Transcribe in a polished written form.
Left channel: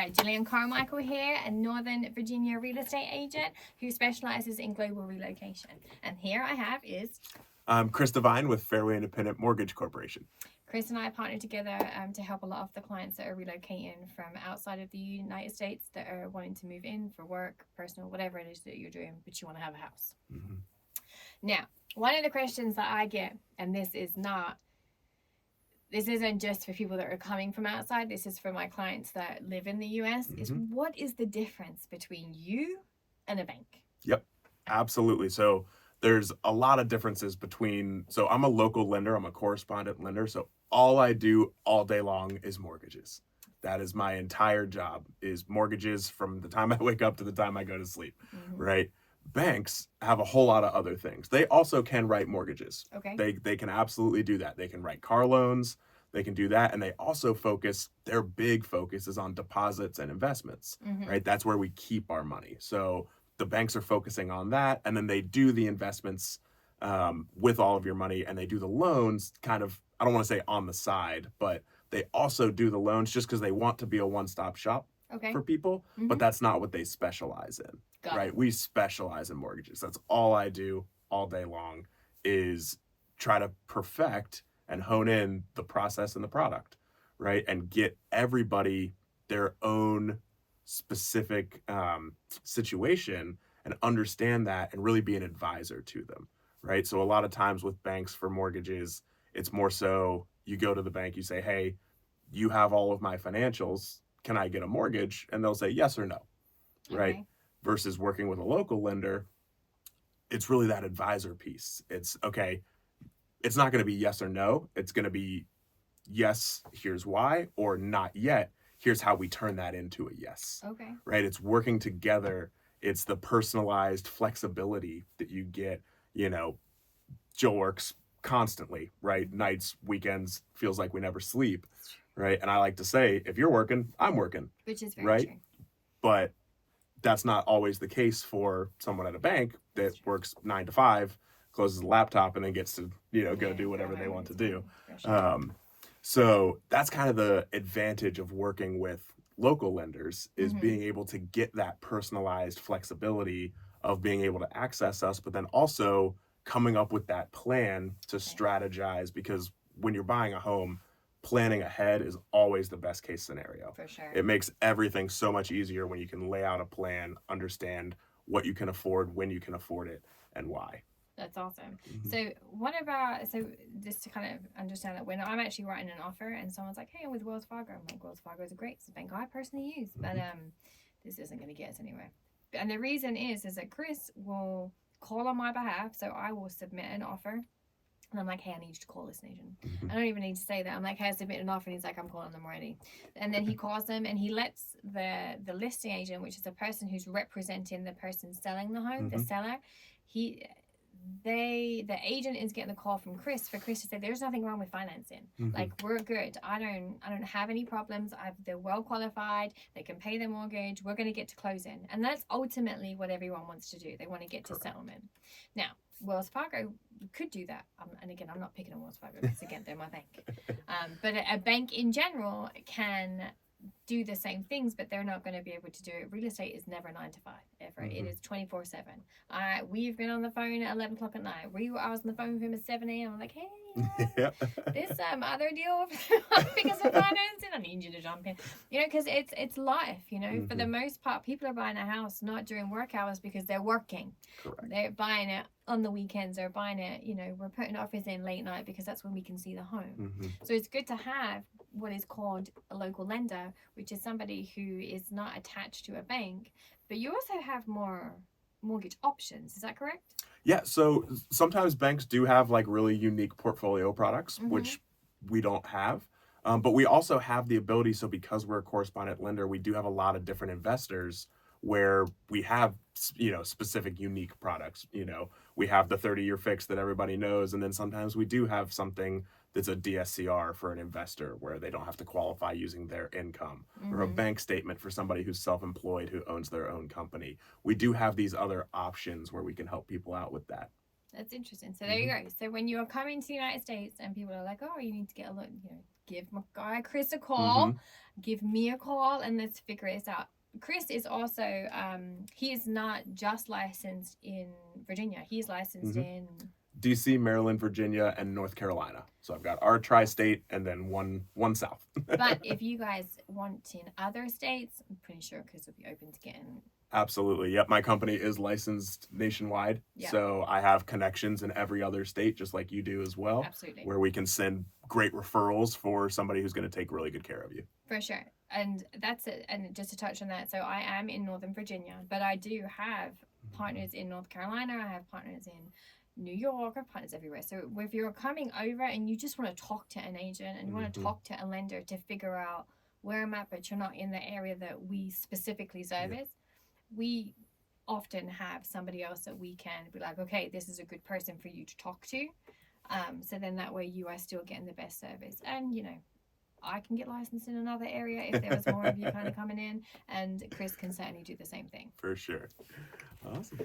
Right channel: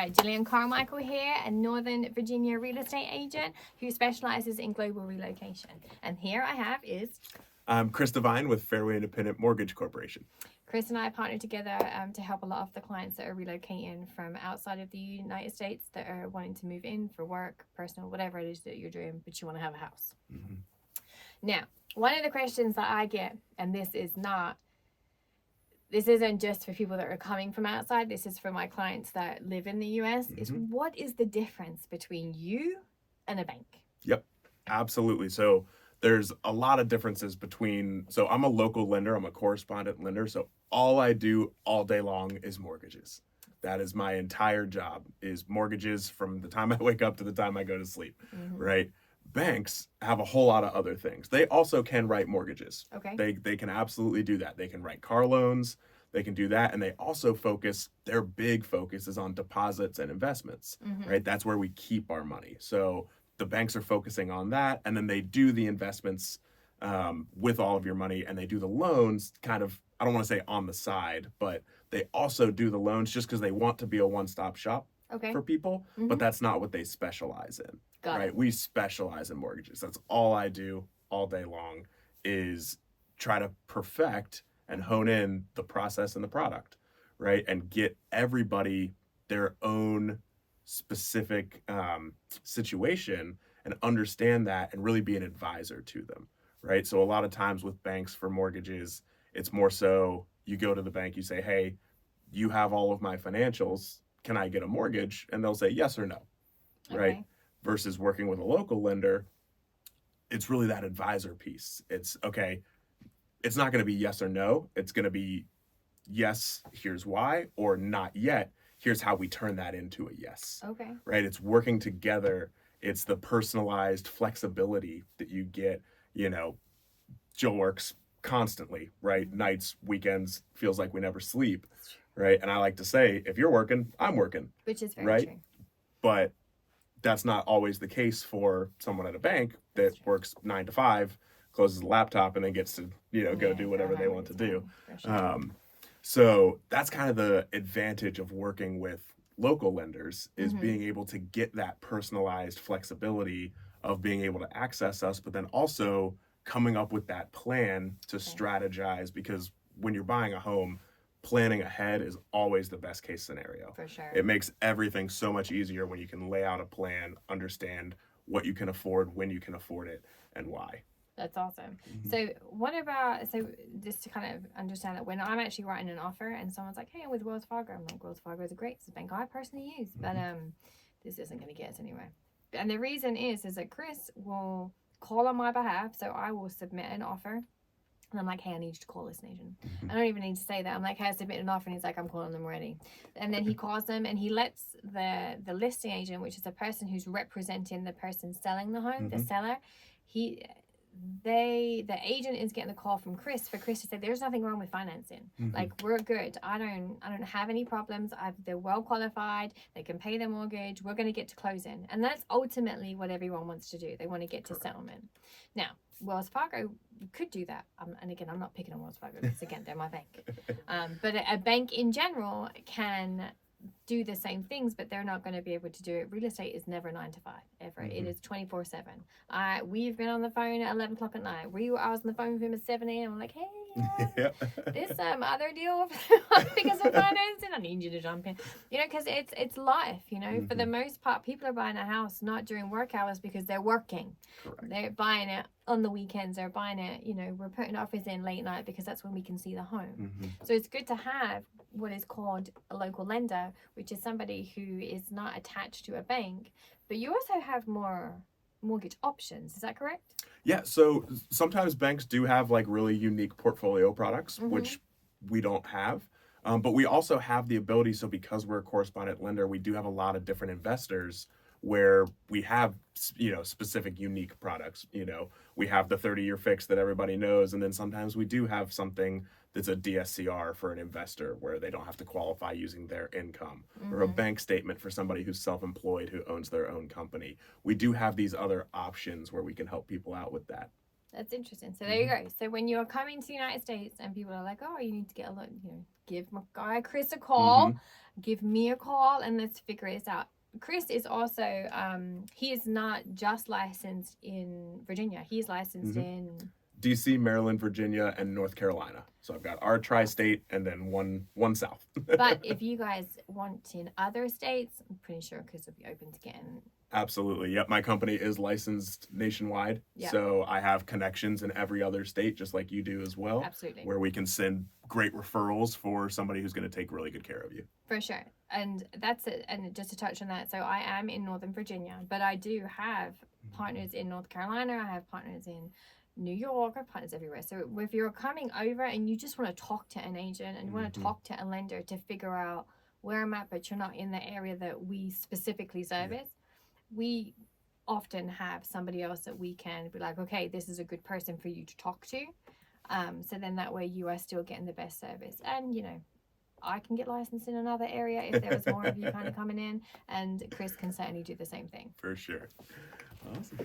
right, Gillian Carmichael here, a Northern Virginia real estate agent who specializes in global relocation. And here I have is... I'm Chris Devine with Fairway Independent Mortgage Corporation. Chris and I partnered together to help a lot of the clients that are relocating from outside of the United States that are wanting to move in for work, personal, whatever it is that you're doing, but you want to have a house. Mm-hmm. Now, one of the questions that I get, and this isn't just for people that are coming from outside, this is for my clients that live in the US, is what is the difference between you and a bank? Yep, absolutely. So there's a lot of differences between, so I'm a local lender, I'm a correspondent lender, so all I do all day long is mortgages. That is my entire job, is mortgages from the time I wake up to the time I go to sleep, right? Banks have a whole lot of other things. They also can write mortgages. Okay. They can absolutely do that. They can write car loans, they can do that, and they also their big focus is on deposits and investments, right? That's where we keep our money. So the banks are focusing on that, and then they do the investments with all of your money, and they do the loans kind of, I don't want to say on the side, but they also do the loans just because they want to be a one-stop shop for people, but that's not what they specialize in, right? We specialize in mortgages. That's all I do all day long, is try to perfect and hone in the process and the product, right? And get everybody their own specific situation and understand that and really be an advisor to them, right? So a lot of times with banks for mortgages, it's more so you go to the bank, you say, hey, you have all of my financials, can I get a mortgage? And they'll say yes or no, right? Versus working with a local lender, it's really that advisor piece. It's, okay, it's not going to be yes or no. It's going to be yes, here's why, or not yet, here's how we turn that into a yes. Okay. Right? It's working together. It's the personalized flexibility that you get. Jill works constantly, right? Nights, weekends, feels like we never sleep, right? And I like to say, if you're working, I'm working. Which is very true. But that's not always the case for someone at a bank that works 9 to 5, closes the laptop, and then gets to, go do whatever they want to do. So that's kind of the advantage of working with local lenders, is being able to get that personalized flexibility of being able to access us, but then also coming up with that plan to strategize, because when you're buying a home, planning ahead is always the best case scenario. For sure. It makes everything so much easier when you can lay out a plan, understand what you can afford, when you can afford it, and why. That's awesome. So just to kind of understand that, when I'm actually writing an offer and someone's like, hey, I'm with Wells Fargo, I'm like, Wells Fargo is great, it's a bank I personally use, but this isn't going to get us anywhere. And the reason is that Chris will call on my behalf, so I will submit an offer, and I'm like, hey, I need you to call this agent. I don't even need to say that. I'm like, hey, I submit an offer, and he's like, I'm calling them already. And then he calls them, and he lets the listing agent, which is the person who's representing the person selling the home, the seller, the agent is getting a call from Chris for Chris to say there's nothing wrong with financing. Like, we're good. I don't have any problems. They're well qualified. They can pay their mortgage. We're going to get to closing. And that's ultimately what everyone wants to do. They want to get to settlement. Now, Wells Fargo could do that. And again, I'm not picking on Wells Fargo because, again, they're my bank. But a bank in general can do the same things, but they're not going to be able to do it. Real estate is never 9 to 5 ever. It is 24/7. We've been on the phone at 11 o'clock at night. I was on the phone with him at 7 a.m. I'm like, hey, this other deal because of financing, I need you to jump in, because it's life. For the most part, people are buying a house not during work hours because they're working. Correct. They're buying it on the weekends. They're buying it, we're putting offers in late night because that's when we can see the home. So it's good to have what is called a local lender, which is somebody who is not attached to a bank, but you also have more mortgage options. Is that correct? Yeah, so sometimes banks do have like really unique portfolio products, which we don't have. But we also have the ability, so because we're a correspondent lender, we do have a lot of different investors where we have, specific unique products. We have the 30-year fix that everybody knows, and then sometimes we do have something that's a DSCR for an investor where they don't have to qualify using their income, or a bank statement for somebody who's self-employed who owns their own company. We do have these other options where we can help people out with that. That's interesting. So there you go. So when you're coming to the United States and people are like, oh, you need to get a look, give my guy Chris a call. give me a call and let's figure this out. Chris is also, he is not just licensed in Virginia. He's licensed in DC, Maryland, Virginia, and North Carolina. So I've got our tri-state and then one south. But if you guys want in other states, I'm pretty sure Chris will be open to getting. Absolutely. Yep. My company is licensed nationwide. Yep. So I have connections in every other state, just like you do as well. Absolutely. Where we can send great referrals for somebody who's going to take really good care of you. For sure. And that's it. And just to touch on that, so I am in Northern Virginia, but I do have partners in North Carolina. I have partners in New York. I have partners everywhere. So if you're coming over and you just want to talk to an agent and you want to talk to a lender to figure out where I'm at, but you're not in the area that we specifically service, we often have somebody else that we can be like, okay, this is a good person for you to talk to. So then that way you are still getting the best service. And, you know, I can get licensed in another area if there was more of you kind of coming in, and Chris can certainly do the same thing. For sure. Awesome.